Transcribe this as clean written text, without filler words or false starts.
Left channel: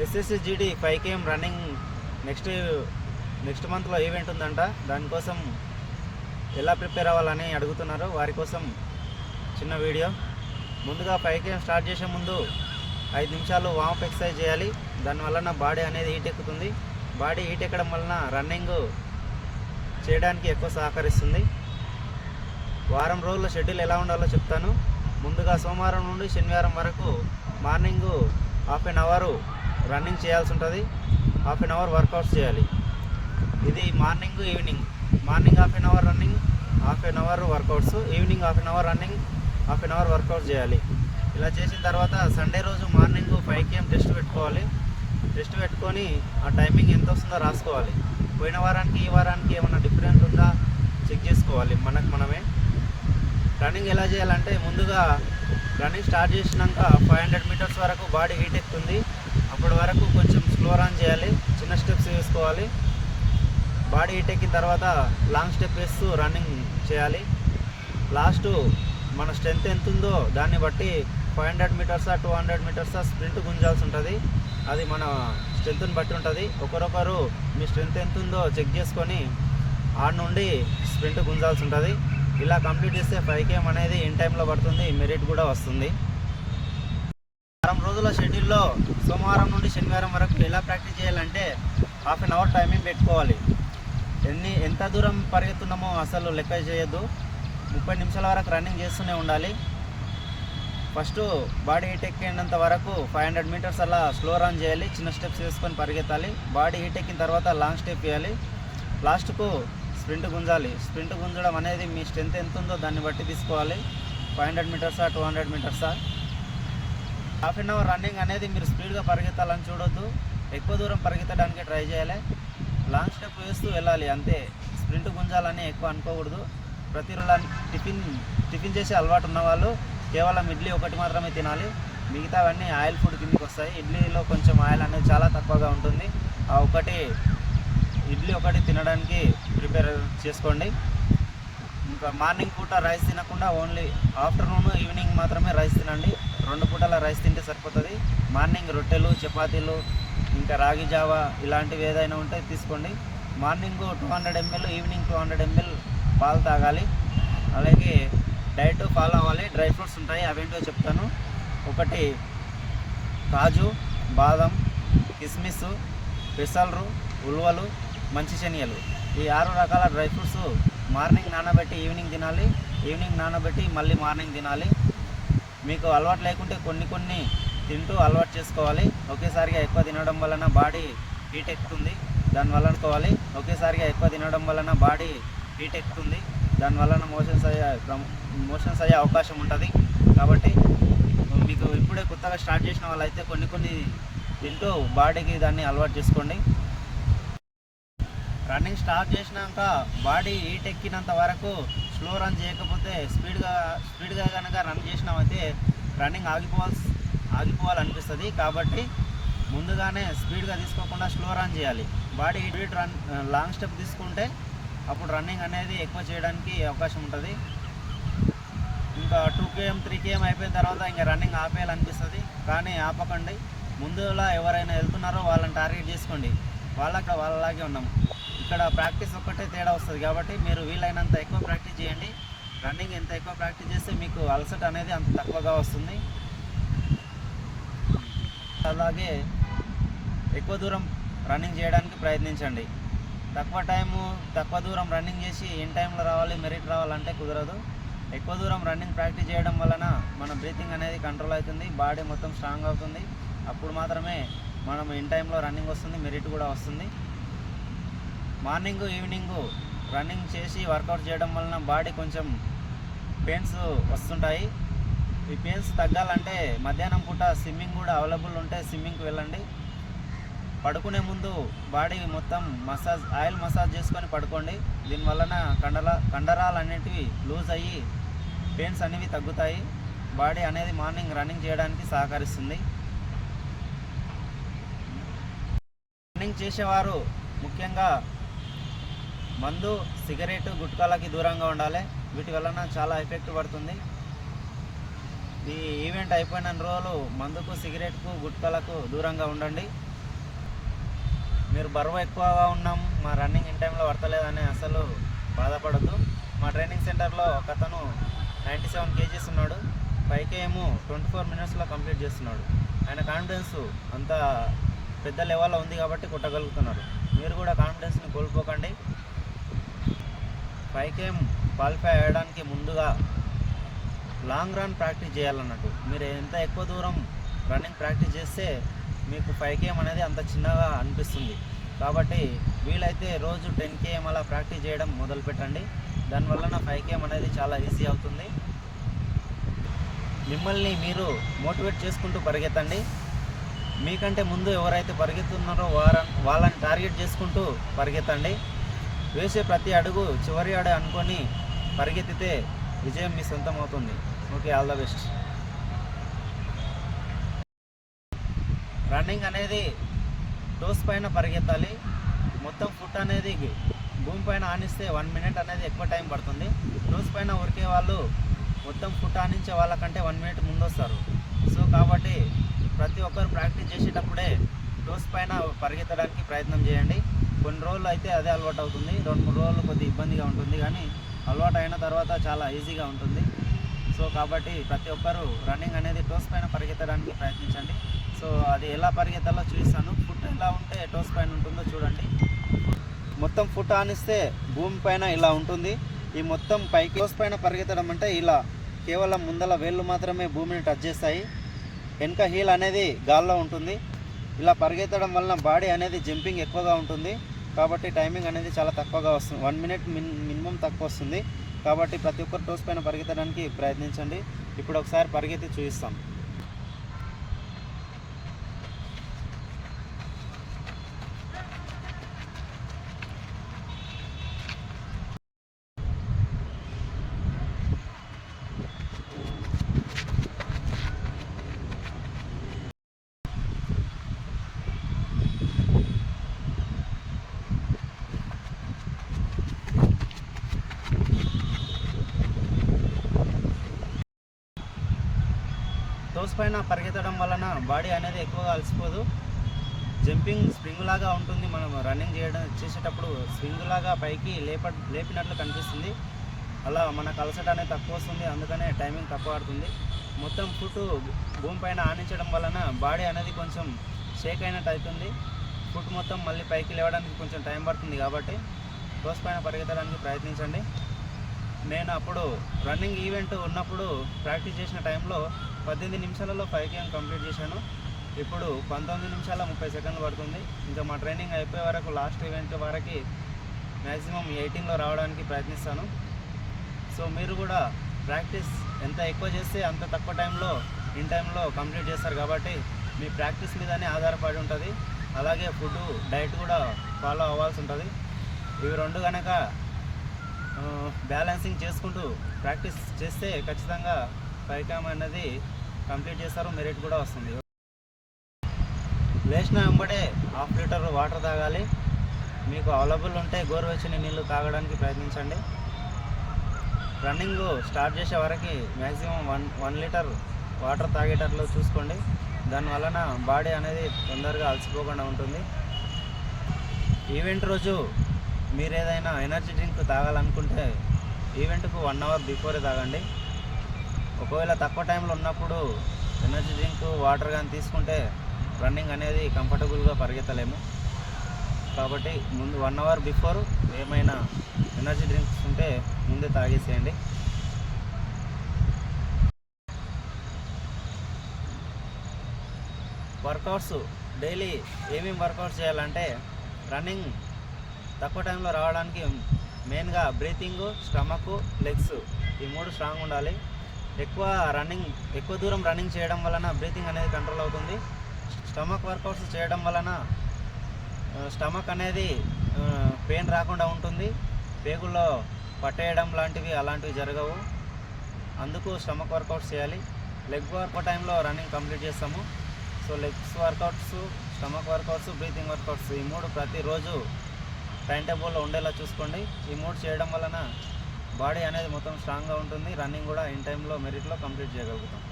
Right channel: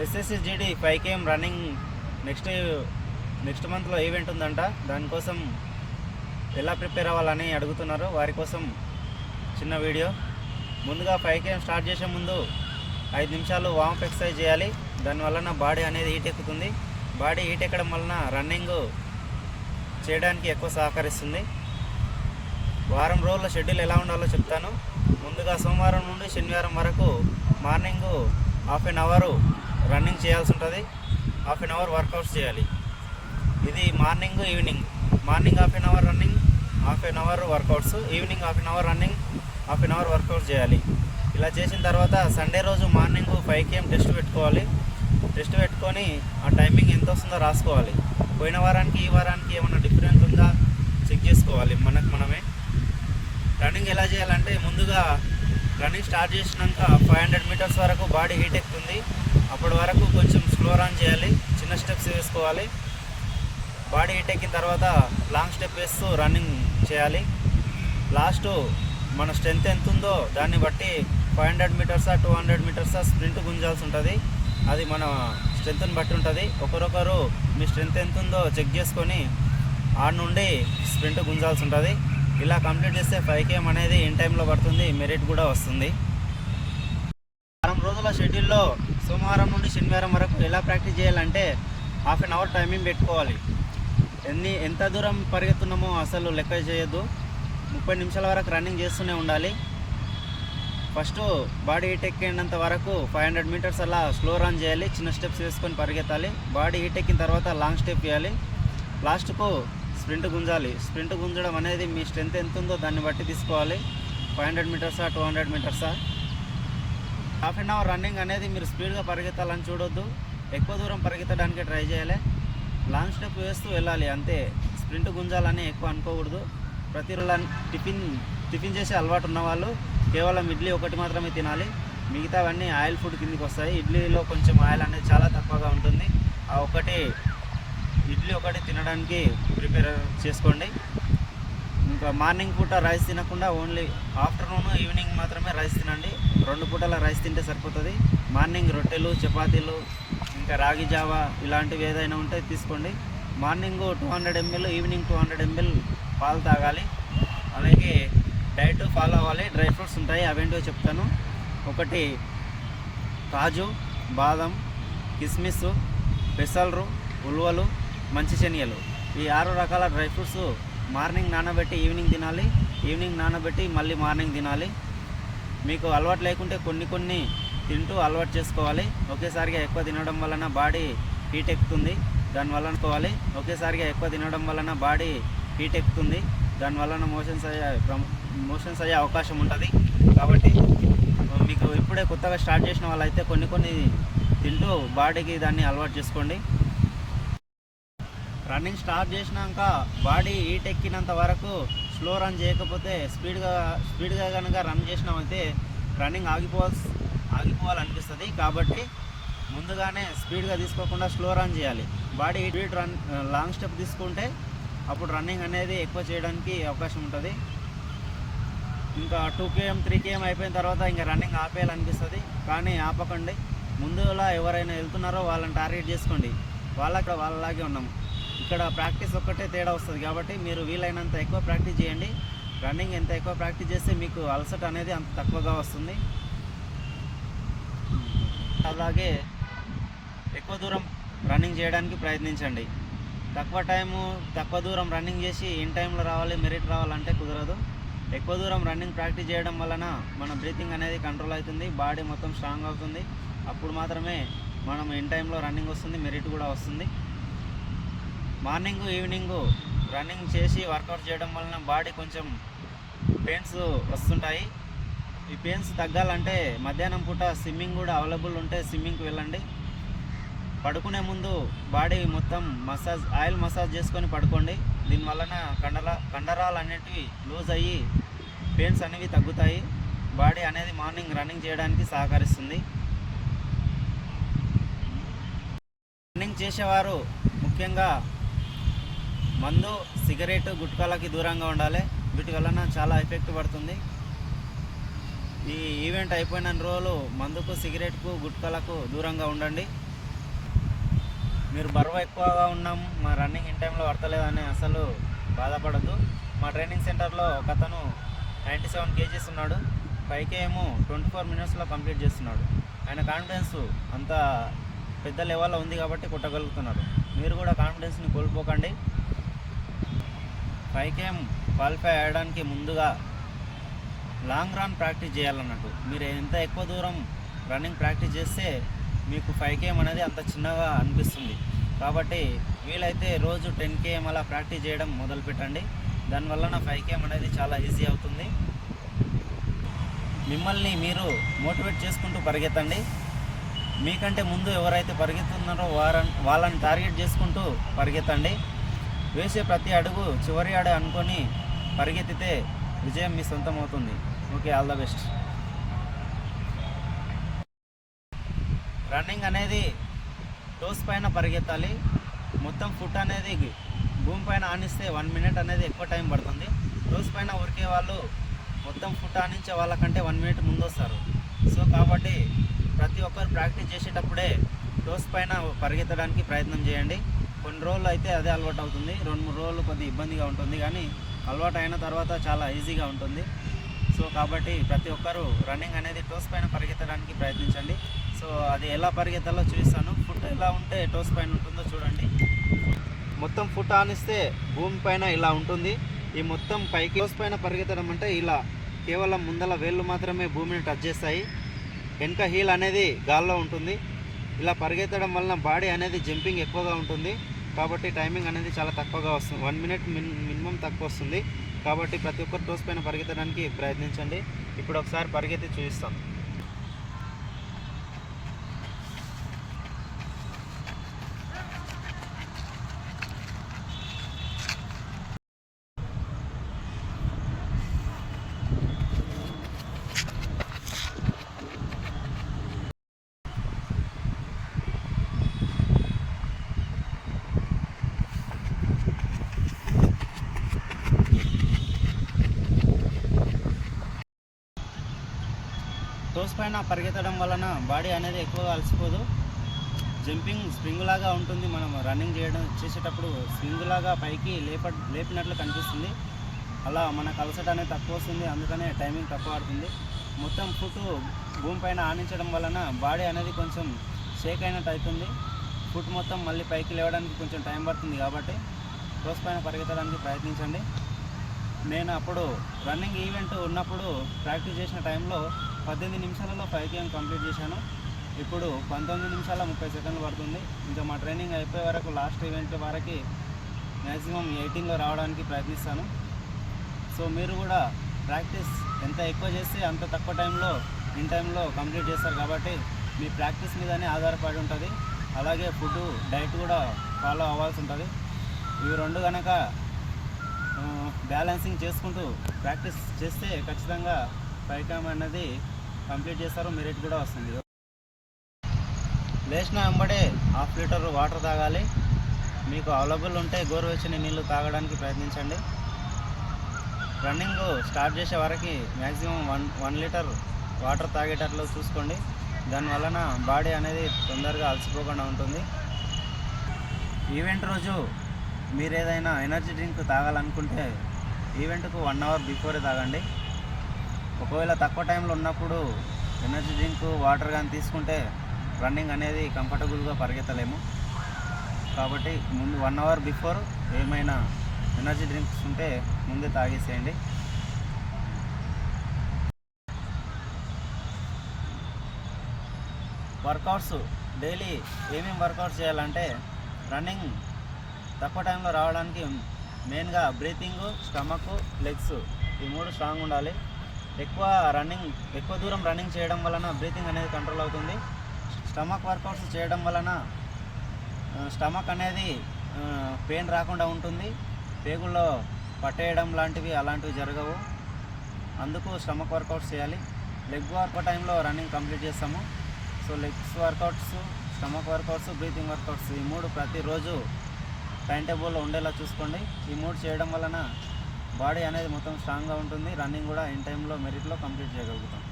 SSGD 5 km running next మంత్లో event ఉందంట. దానికోసం ఎలా ప్రిపేర్ అవ్వాలని అడుగుతున్నారు. వారి కోసం చిన్న వీడియో. ముందుగా 5 km స్టార్ట్ చేసే ముందు 5 నిమిషాలు వార్మప్ ఎక్సర్సైజ్ చేయాలి. దానివల్ల బాడీ అనేది హీట్ ఎక్కుతుంది. బాడీ హీట్ ఎక్కడం వలన రన్నింగ్ చేయడానికి ఎక్కువ సహకరిస్తుంది. వారం రోజుల షెడ్యూల్ ఎలా ఉండాలో చెప్తాను. ముందుగా సోమవారం నుండి శనివారం వరకు morning half an hour running చేయాల్సి ఉంటుంది. హాఫ్ అన్ అవర్ వర్కౌట్స్ చేయాలి. ఇది morning evening. Morning half an hour running, half an hour workouts. Evening half an hour running, half an hour workouts చేయాలి. ఇలా చేసిన తర్వాత సండే రోజు మార్నింగ్ 5 km టెస్ట్ పెట్టుకోవాలి. టెస్ట్ పెట్టుకొని ఆ టైమింగ్ ఎంత వస్తుందో రాసుకోవాలి. పోయిన వారానికి ఈ వారానికి ఏమైనా డిఫరెన్స్ ఉందా చెక్ చేసుకోవాలి మనమే. రన్నింగ్ ఎలా చేయాలంటే ముందుగా రన్నింగ్ స్టార్ట్ చేసినాక 500 మీటర్స్ వరకు బాడీ హీట్ ఎక్కుతుంది. అప్పటి వరకు కొంచెం స్లో రన్ చేయాలి. చిన్న స్టెప్స్ వేసుకోవాలి. బాడీ హీట్ ఎక్కిన తర్వాత లాంగ్ స్టెప్ వేస్తూ రన్నింగ్ చేయాలి. లాస్ట్ మన స్ట్రెంత్ ఎంత ఉందో దాన్ని బట్టి 500 మీటర్సా 200 మీటర్సా స్ప్రింట్ గుంజాల్సి ఉంటుంది. అది మన స్ట్రెంత్ని బట్టి ఉంటుంది. ఒకరొకరు మీ స్ట్రెంత్ ఎంత ఉందో చెక్ చేసుకొని ఆడ నుండి స్ప్రింట్ గుంజాల్సి ఉంటుంది. ఇలా కంప్లీట్ చేస్తే 5 km అనేది ఇన్ టైంలో పడుతుంది. మెరిట్ కూడా వస్తుంది. వారం రోజుల షెడ్యూల్లో సోమవారం నుండి శనివారం వరకు ఎలా ప్రాక్టీస్ చేయాలంటే హాఫ్ అన్ అవర్ టైమింగ్ పెట్టుకోవాలి. ఎంత దూరం పరిగెత్తున్నామో అసలు లెక్క చేయొద్దు. 30 నిమిషాల వరకు రన్నింగ్ చేస్తూనే ఉండాలి. ఫస్ట్ బాడీ హీట్ ఎక్కినంత వరకు 500 మీటర్స్ అలా స్లో రన్ చేయాలి. చిన్న స్టెప్స్ వేసుకొని పరిగెత్తాలి. బాడీ హీట్ ఎక్కిన తర్వాత లాంగ్ స్టెప్ వేయాలి. లాస్ట్కు స్ప్రింట్ గుంజాలి. స్ప్రింట్ గుంజడం అనేది మీ స్ట్రెంత్ ఎంత ఉందో దాన్ని బట్టి తీసుకోవాలి. 500 మీటర్సా 200 మీటర్సా. హాఫ్ అన్ అవర్ రన్నింగ్ అనేది మీరు స్పీడ్గా పరిగెత్తాలని చూడొద్దు. ఎక్కువ దూరం పరిగెత్తడానికి ట్రై చేయాలి. లాంగ్ స్టెప్ వేస్తూ వెళ్ళాలి అంతే. స్ప్రింట్ గుంజాలని ఎక్కువ అనుకోకూడదు. ప్రతిరోజు టిఫిన్ చేసే అలవాటు ఉన్నవాళ్ళు కేవలం ఇడ్లీ ఒకటి మాత్రమే తినాలి. మిగతావన్నీ ఆయిల్ ఫుడ్ కిందకి వస్తాయి. ఇడ్లీలో కొంచెం ఆయిల్ అనేది చాలా తక్కువగా ఉంటుంది. ఆ ఇడ్లీ ఒకటి తినడానికి ప్రిపేర్ చేసుకోండి. ఇంకా మార్నింగ్ పూట రైస్ తినకుండా ఓన్లీ ఆఫ్టర్నూన్ ఈవినింగ్ మాత్రమే రైస్ తినండి. 2 పూటల రైస్ తింటే సరిపోతుంది. మార్నింగ్ రొట్టెలు, చపాతీలు, ఇంకా రాగి జావా ఇలాంటివి ఏదైనా ఉంటే తీసుకోండి. మార్నింగ్ 200 ml, ఈవినింగ్ 200 ml పాలు తాగాలి. అలాగే డైట్ ఫాలో అవ్వాలి. డ్రై ఫ్రూట్స్ ఉంటాయి, అవేంటో చెప్తాను. ఒకటి కాజు, బాదం, కిస్మిస్, పెసలు, ఉలువలు, మంచి శనగలు. ఈ 6 రకాల డ్రై ఫ్రూట్స్ మార్నింగ్ నానబెట్టి ఈవినింగ్ తినాలి. ఈవినింగ్ నానబెట్టి మళ్ళీ మార్నింగ్ తినాలి. మీకు అలవాటు లేకుంటే కొన్ని తింటూ అలవాటు చేసుకోవాలి. ఒకేసారిగా ఎక్కువ తినడం వలన బాడీ హీట్ ఎక్కుతుంది. దానివల్ల అనుకోవాలి. ఒకేసారిగా ఎక్కువ తినడం వలన బాడీ హీట్ ఎక్కుతుంది. దానివల్ల మోషన్స్ అయ్యే అవకాశం ఉంటుంది. కాబట్టి మీకు ఇప్పుడే కొత్తగా స్టార్ట్ చేసిన వాళ్ళైతే కొన్ని తింటూ బాడీకి దాన్ని అలవాటు చేసుకోండి. రన్నింగ్ స్టార్ట్ చేసినాక బాడీ హీట్ ఎక్కినంత వరకు స్లో రన్ చేయకపోతే స్పీడ్గా కనుక రన్ చేసినామైతే రన్నింగ్ ఆగిపోవాలనిపిస్తుంది. కాబట్టి ముందుగానే స్పీడ్గా తీసుకోకుండా స్లో రన్ చేయాలి. బాడీ హీట్ లాంగ్ స్టెప్ తీసుకుంటే అప్పుడు రన్నింగ్ అనేది ఎక్కువ చేయడానికి అవకాశం ఉంటుంది. ఇంకా 2 km 3 km అయిపోయిన తర్వాత ఇంకా రన్నింగ్ ఆపేయాలనిపిస్తుంది. కానీ ఆపకండి. ముందులా ఎవరైనా వెళ్తున్నారో వాళ్ళని టార్గెట్ చేసుకోండి. వాళ్ళలాగే ఉన్నాము. ఇక్కడ ప్రాక్టీస్ ఒక్కటే తేడా వస్తుంది. కాబట్టి మీరు వీలైనంత ఎక్కువ ప్రాక్టీస్ చేయండి. రన్నింగ్ ఎంత ఎక్కువ ప్రాక్టీస్ చేస్తే మీకు అలసట అనేది అంత తక్కువగా వస్తుంది. అలాగే ఎక్కువ దూరం రన్నింగ్ చేయడానికి ప్రయత్నించండి. తక్కువ దూరం రన్నింగ్ చేసి ఇన్ టైంలో రావాలి, మెరిట్ రావాలంటే కుదరదు. ఎక్కువ దూరం రన్నింగ్ ప్రాక్టీస్ చేయడం వలన మన బ్రీతింగ్ అనేది కంట్రోల్ అవుతుంది. బాడీ మొత్తం స్ట్రాంగ్ అవుతుంది. అప్పుడు మాత్రమే మనం ఇన్ టైంలో రన్నింగ్ వస్తుంది, మెరిట్ కూడా వస్తుంది. మార్నింగ్ ఈవినింగ్ రన్నింగ్ చేసి వర్కౌట్ చేయడం వలన బాడీ కొంచెం పెయిన్స్ వస్తుంటాయి. ఈ పెయిన్స్ తగ్గాలంటే మధ్యాహ్నం పూట స్విమ్మింగ్ కూడా అవైలబుల్ ఉంటే స్విమ్మింగ్కి వెళ్ళండి. పడుకునే ముందు బాడీ మొత్తం ఆయిల్ మసాజ్ చేసుకొని పడుకోండి. దీనివలన కండరాలు అనేటివి లూజ్ అయ్యి పెయిన్స్ అనేవి తగ్గుతాయి. బాడీ అనేది మార్నింగ్ రన్నింగ్ చేయడానికి సహకరిస్తుంది. రన్నింగ్ చేసేవారు ముఖ్యంగా మందు, సిగరెట్, గుట్కాలకి దూరంగా ఉండాలి. వీటి వలన చాలా ఎఫెక్ట్ పడుతుంది. ఈ ఈవెంట్ అయిపోయిన రోజులు మందుకు, సిగరెట్కు, గుట్కలకు దూరంగా ఉండండి. మీరు బరువు ఎక్కువగా ఉన్నాం, మా రన్నింగ్ ఇన్ టైంలో పడతలేదని అసలు బాధపడద్దు. మా ట్రైనింగ్ సెంటర్లో ఒక అతను 97 kgs ఉన్నాడు, 5K 24 minutesలో కంప్లీట్ చేస్తున్నాడు. ఆయన కాన్ఫిడెన్స్ అంత పెద్ద లెవెల్లో ఉంది కాబట్టి కొట్టగలుగుతున్నాడు. మీరు కూడా కాన్ఫిడెన్స్ని కోల్పోకండి. 5K క్వాలిఫై అయ్యడానికి ముందుగా లాంగ్ రన్ ప్రాక్టీస్ చేయాలన్నట్టు. మీరు ఎంత ఎక్కువ దూరం రన్నింగ్ ప్రాక్టీస్ చేస్తే మీకు 5K అనేది అంత చిన్నగా అనిపిస్తుంది. కాబట్టి వీలైతే రోజు 10 km అలా ప్రాక్టీస్ చేయడం మొదలు పెట్టండి. దానివల్ల 5K అనేది చాలా ఈజీ అవుతుంది. మిమ్మల్ని మీరు మోటివేట్ చేసుకుంటూ పరిగెత్తండి. మీకంటే ముందు ఎవరైతే పరిగెత్తున్నారో వాళ్ళని టార్గెట్ చేసుకుంటూ పరిగెత్తండి. వేసే ప్రతి అడుగు చివరి అడుగు అనుకొని పరిగెత్తితే విజయం మీ సొంతం అవుతుంది. Okay, all the best. Running అనేది టోస్ పైన పరిగెత్తాలి. మొత్తం ఫుట్ అనేది భూమి పైన ఆనిస్తే 1 minute అనేది ఎక్కువ టైం పడుతుంది. టోస్ పైన ఉరికే వాళ్ళు మొత్తం ఫుట్ ఆనించే వాళ్ళకంటే 1 minute ముందు వస్తారు. సో కాబట్టి ప్రతి ఒక్కరు ప్రాక్టీస్ చేసేటప్పుడే టోస్ పైన పరిగెత్తడానికి ప్రయత్నం చేయండి. కొన్ని రోజులు అయితే అదే అలవాటు అవుతుంది, 2-3 రోజులు కొద్దిగా ఇబ్బందిగా ఉంటుంది, కానీ అలవాటు అయిన తర్వాత చాలా ఈజీగా ఉంటుంది. సో కాబట్టి ప్రతి ఒక్కరూ రన్నింగ్ అనేది టోస్ పైన పరిగెత్తడానికి ప్రయత్నించండి. సో అది ఎలా పరిగెత్తాలో చూపిస్తాను. ఫుట్ ఎలా ఉంటే టోస్ పైన ఉంటుందో చూడండి. మొత్తం ఫుట్ ఆనిస్తే భూమి పైన ఇలా ఉంటుంది. ఈ మొత్తం పైకి టోస్ పైన పరిగెత్తడం అంటే ఇలా కేవలం ముందల వేళ్ళు మాత్రమే భూమిని టచ్ చేస్తాయి, వెనక హీల్ అనేది గాల్లో ఉంటుంది. ఇలా పరిగెత్తడం వలన బాడీ అనేది జంపింగ్ ఎక్కువగా ఉంటుంది, కాబట్టి టైమింగ్ అనేది చాలా తక్కువగా వస్తుంది. 1 minute మినిమం తక్కువ వస్తుంది. కాబట్టి ప్రతి ఒక్కరు టోస్ పైన పరిగెత్తడానికి ప్రయత్నించండి. ఇప్పుడు ఒకసారి పరిగెత్తి చూపిస్తాం. టోస్ పైన పరిగెత్తడం వలన బాడీ అనేది ఎక్కువగా అలసిపోదు. జంపింగ్ స్ప్రింగ్ లాగా ఉంటుంది. మనం రన్నింగ్ చేసేటప్పుడు స్ప్రింగ్ లాగా పైకి లేపినట్లు కనిపిస్తుంది. అలా మనకు అలసట అనేది తక్కువ వస్తుంది, అందుకనే టైమింగ్ తక్కువ ఆడుతుంది. మొత్తం ఫుట్ భూమి పైన ఆనించడం వలన బాడీ అనేది కొంచెం షేక్ అయినట్టు అవుతుంది. ఫుట్ మొత్తం మళ్ళీ పైకి లేవడానికి కొంచెం టైం పడుతుంది. కాబట్టి టోస్ పైన పరిగెత్తడానికి ప్రయత్నించండి. నేను అప్పుడు రన్నింగ్ ఈవెంట్ ఉన్నప్పుడు ప్రాక్టీస్ చేసిన టైంలో 18 నిమిషాలలో 5K కంప్లీట్ చేశాను. ఇప్పుడు 19 నిమిషాల 30 సెకండ్లు పడుతుంది. ఇంకా మా ట్రైనింగ్ అయిపోయే వరకు, లాస్ట్ ఈవెంట్ వరకు మ్యాక్సిమం 18లో రావడానికి ప్రయత్నిస్తాను. సో మీరు కూడా ప్రాక్టీస్ ఎంత ఎక్కువ చేస్తే అంత తక్కువ ఇన్ టైంలో కంప్లీట్ చేస్తారు. కాబట్టి మీ ప్రాక్టీస్ మీదనే ఆధారపడి ఉంటుంది. అలాగే ఫుడ్, డైట్ కూడా ఫాలో అవ్వాల్సి ఉంటుంది. ఇవి రెండు కనుక బ్యాలెన్సింగ్ చేసుకుంటూ ప్రాక్టీస్ చేస్తే ఖచ్చితంగా 5K అనేది కంప్లీట్ చేస్తారు. మెరిట్ కూడా వస్తుంది. లేచిన వెంబడే 1/2 లీటర్ వాటర్ తాగాలి. మీకు అవైలబుల్ ఉంటే గోరువెచ్చని నీళ్ళు తాగడానికి ప్రయత్నించండి. రన్నింగ్ స్టార్ట్ చేసే వరకు మ్యాక్సిమం 1 లీటర్ వాటర్ తాగేటట్లు చూసుకోండి. దానివలన బాడీ అనేది తొందరగా అలసిపోకుండా ఉంటుంది. ఈవెంట్ రోజు మీరు ఏదైనా ఎనర్జీ డ్రింక్ తాగాలనుకుంటే ఈవెంట్కు 1 hour బిఫోరే తాగండి. ఒకవేళ తక్కువ టైంలో ఉన్నప్పుడు ఎనర్జీ డ్రింక్, వాటర్ కానీ తీసుకుంటే రన్నింగ్ అనేది కంఫర్టబుల్గా పరిగెత్తలేము. కాబట్టి ముందు 1 hour బిఫోర్ ఏమైనా ఎనర్జీ డ్రింక్స్ ఉంటే ముందే తాగేసేయండి. వర్కౌట్స్ డైలీ ఏమేమి వర్కౌట్స్ చేయాలంటే, రన్నింగ్ తక్కువ టైంలో రావడానికి మెయిన్గా బ్రీతింగ్, స్టమక్, లెగ్స్ ఈ 3 స్ట్రాంగ్ ఉండాలి. ఎక్కువ దూరం రన్నింగ్ చేయడం వలన బ్రీతింగ్ అనేది కంట్రోల్ అవుతుంది. స్టమక్ వర్కౌట్స్ చేయడం వలన స్టమక్ అనేది పెయిన్ రాకుండా ఉంటుంది. పేగుల్లో పట్టేయడం అలాంటివి జరగవు. అందుకు స్టమక్ వర్కౌట్స్ చేయాలి. లెగ్ వర్కౌట్ టైంలో రన్నింగ్ కంప్లీట్ చేస్తాము. So legs workouts, stomach workouts, breathing workouts ఈ 3 ప్రతిరోజు టైం టేబుల్లో ఉండేలా చూసుకోండి. ఈ 3 చేయడం వలన బాడీ అనేది మొత్తం స్ట్రాంగ్గా ఉంటుంది. రన్నింగ్ కూడా ఇన్ టైంలో మెరిట్లో కంప్లీట్ చేయగలుగుతాం.